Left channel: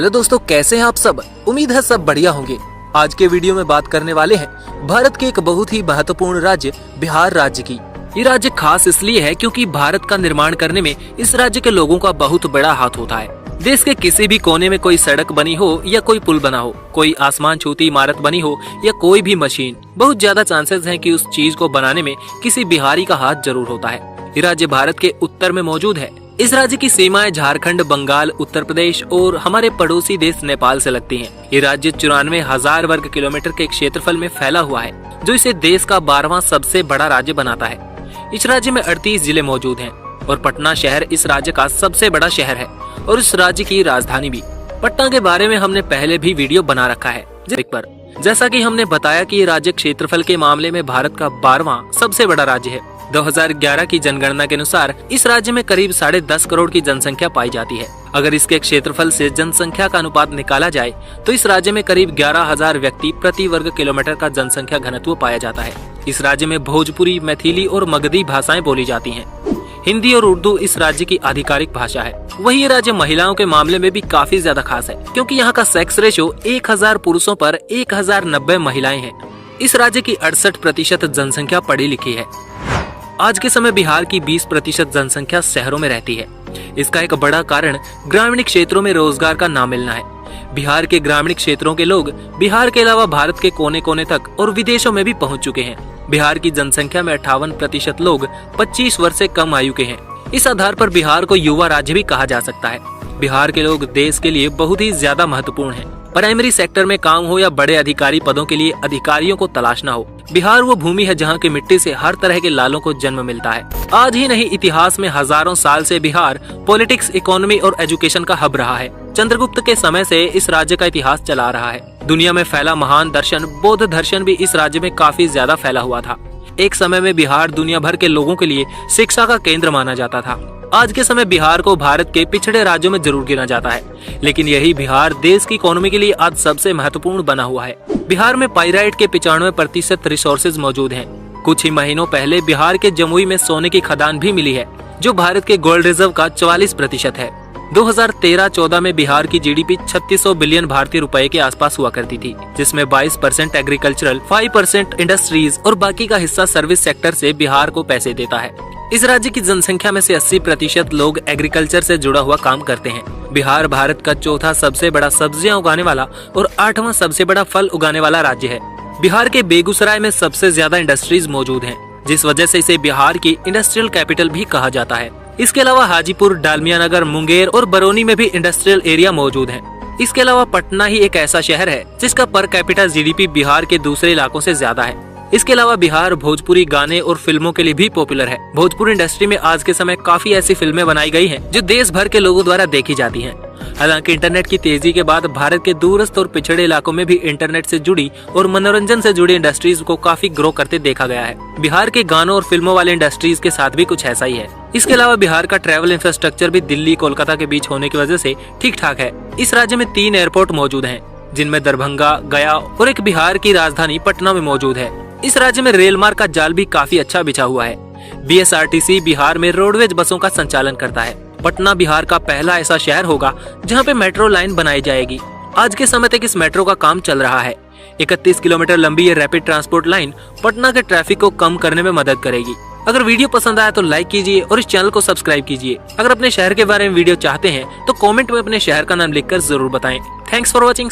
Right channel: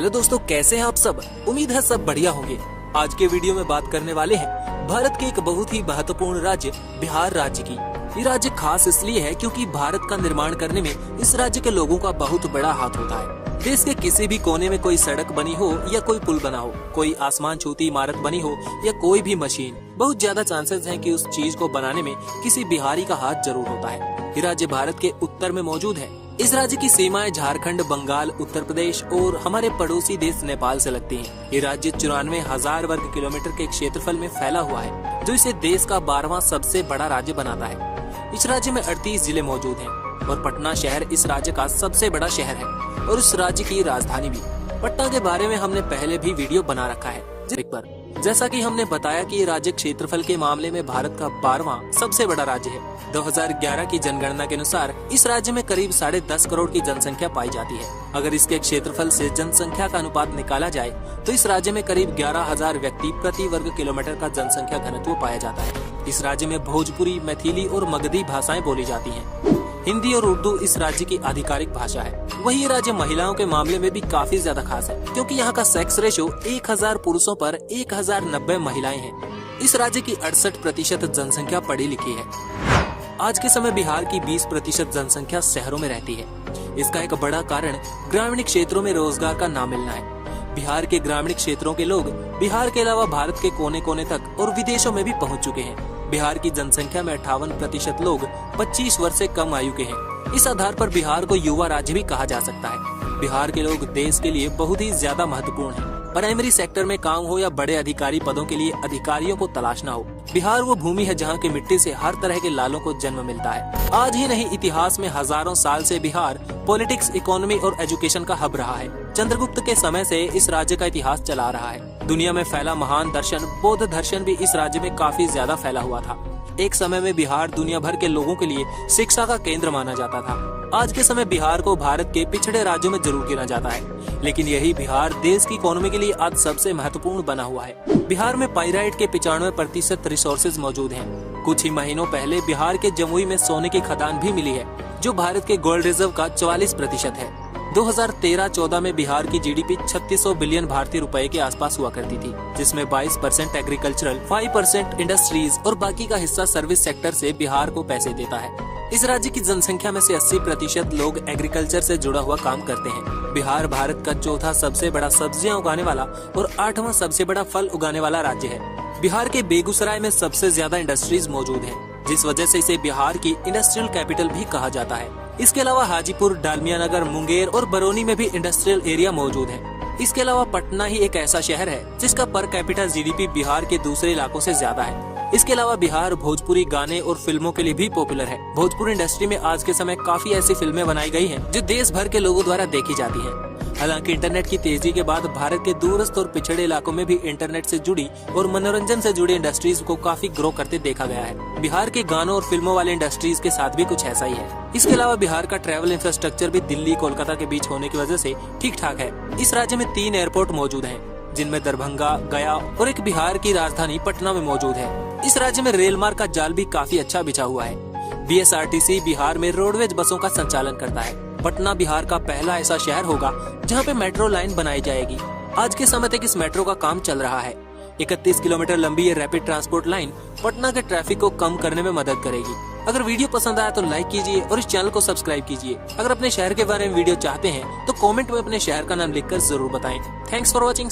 Hello दोस्तों, कैसे हैं आप सब। उम्मीद है सब बढ़िया होंगे। आज के वीडियो में बात करने वाले हैं भारत के एक बहुत ही महत्वपूर्ण राज्य बिहार राज्य की। ये राज्य खास इसलिए है क्योंकि भारत का निर्माण करने में इस राज्य के लोगों का बहुत बड़ा हाथ होता है। देश के किसी भी कोने में कोई सड़क बनी हो या कोई पुल बना हो, कोई आसमान छूती इमारत बनी हो या कोई भी मशीन, बहुत ज्यादा चांसेस हैं कि उस चीज को बनाने में किसी बिहारी का हाथ जरूर होता है। ये राज्य भारत के उत्तर में मौजूद है। इस राज्य की सीमाएं झारखंड, बंगाल, उत्तर प्रदेश और हमारे पड़ोसी देश नेपाल से लगती हैं। ये राज्य 94,000 वर्ग किलोमीटर के क्षेत्रफल में फैला हुआ है, जो इसे देश का 12वां सबसे बड़ा राज्य बनाता है। इस राज्य में 38 जिले मौजूद हैं और पटना शहर इस राज्य का सबसे बड़ा शहर है और इस राज्य की राजधानी भी। पटना के बारे में हमने पहले भी वीडियो बना रखा है। जैसा कि हमने बताया कि ये राज्य क्षेत्रफल के मामले में भारत का 12वां सबसे बड़ा राज्य है। 2011 की जनगणना के अनुसार इस राज्य में करीब 10.5 करोड़ की जनसंख्या पाई जाती है। अगर इसके क्षेत्रफल से जनसंख्या का अनुपात निकाला जाए तो इस राज्य में करीब 11,000 व्यक्ति प्रति वर्ग किलोमीटर का जनसंख्या घनत्व पाया जाता है। इस राज्य में भोजपुरी, मैथिली और मगधी भाषाएं बोली जाती हैं। हिंदी और उर्दू इस राज्य की आधिकारिक भाषा है। वही ये राज्य महिलाओं के मामले में भी काफी ज्यादा खास है, क्योंकि यहाँ का सेक्स रेशो 1000 पुरुषों पर 1090 महिलाएं हैं। इस राज्य की 68% जनसंख्या पढ़ी लिखी है। आज के समय बिहार की 20% जनसंख्या शहरों में रहती है। इसका एक बड़ा कारण ग्रामीण क्षेत्रों में रोजगार का ना मिलना है। बिहार के ग्रामीण क्षेत्रों के लोग बिहार के अलावा भारत के कोने कोने तक और विदेशों में भी पहुंच चुके हैं। बिहार की जनसंख्या में 58% लोग 25 वर्ष से कम आयु के हैं। इस आधार पर बिहार को युवा राज्य भी कहा जा सकता है। बिहार के लोग देश के लिए बहुत ही ज्यादा महत्वपूर्ण हैं। प्राइमरी सेक्टर में काम हो या बड़े अधिकारी पदों के लिए अधिकारियों को तलाशना हो, बिहार वो भूमि है जहाँ की मिट्टी से हर तरह के लालों को जन्म मिलता है। आज ही नहीं, इतिहास में हजारों साल से बिहार पॉलिटिक्स, इकोनॉमी और एजुकेशन का हब रहा है। चंद्रगुप्त के समय से इस राज्य का इतिहास चला आ रहा है। दुनिया में फैला महान दर्शन बौद्ध दर्शन भी इस राज्य में काफी ज्यादा फैला हुआ था। एक समय में बिहार दुनिया भर के लोगों के लिए शिक्षा का केंद्र माना जाता था। आज के समय बिहार को भारत के पिछड़े राज्यों में जरूर गिना जाता है, लेकिन यही बिहार देश की इकोनॉमी के लिए आज सबसे महत्वपूर्ण बना हुआ है। बिहार में पाइराइट के 95% रिसोर्सेज मौजूद हैं। कुछ ही महीनों पहले बिहार के जमुई में सोने की खदान भी मिली है, जो भारत के गोल्ड रिजर्व का 44% है। 2013-14 में बिहार की जीडीपी 3600 बिलियन भारतीय रुपए के आसपास हुआ करती थी, जिसमें 22% एग्रीकल्चरल, 5% इंडस्ट्रीज और बाकी का हिस्सा सर्विस सेक्टर से बिहार को पैसे देता है। इस राज्य की जनसंख्या में से 80% लोग एग्रीकल्चर से जुड़ा हुआ काम करते हैं। बिहार भारत का चौथा सबसे बड़ा सब्जियां उगाने वाला और 8वां सबसे बड़ा फल उगाने वाला राज्य है। बिहार के बेगूसराय में सबसे ज्यादा इंडस्ट्रीज मौजूद हैं, जिस वजह से इसे बिहार की इंडस्ट्रियल कैपिटल भी कहा जाता है। इसके अलावा हाजीपुर, डालमिया नगर, मुंगेर और बरौनी में भी इंडस्ट्रियल एरिया मौजूद है। इसके अलावा पटना ही एक ऐसा शहर है जिसका पर कैपिटा जीडीपी बिहार के दूसरे इलाकों से ज्यादा है। इसके अलावा बिहार भोजपुरी गाने और फिल्मों के लिए भी पॉपुलर है। भोजपुरी इंडस्ट्री में आज के समय काफी ऐसी फिल्में बनाई गई हैं जो देश भर के लोगों द्वारा देखी जाती हैं। हालांकि इंटरनेट की तेजी के बाद भारत के दूरस्थ और पिछड़े इलाकों में भी इंटरनेट से जुड़ी और मनोरंजन से जुड़ी इंडस्ट्रीज को काफी ग्रो करते देखा गया है। बिहार के गानों और फिल्मों वाले इंडस्ट्रीज के साथ भी कुछ ऐसा ही है। इसके अलावा बिहार का ट्रैवल इंफ्रास्ट्रक्चर भी दिल्ली, कोलकाता के बीच होने की वजह से ठीक ठाक है। इस राज्य में 3 एयरपोर्ट मौजूद हैं, जिनमें दरभंगा, गया और एक बिहार की राजधानी पटना में मौजूद है। इस राज्य में रेल मार्ग का जाल भी काफी अच्छा बिछा हुआ है। बीएसआरटीसी बिहार में रोडवेज बसों का संचालन करता है। पटना बिहार का पहला ऐसा शहर होगा जहां पे मेट्रो लाइन बनाई जाएगी। आज के समय तक इस मेट्रो का काम चल रहा है। 31 किलोमीटर लंबी ये रैपिड ट्रांसपोर्ट लाइन पटना के ट्रैफिक को कम करने में मदद करेगी। अगर वीडियो पसंद आया तो लाइक कीजिए और इस चैनल को सब्सक्राइब कीजिए। अगर अपने शहर के बारे में वीडियो चाहते हैं तो कमेंट में अपने शहर का नाम लिखकर जरूर बताएं। Thanks for watching.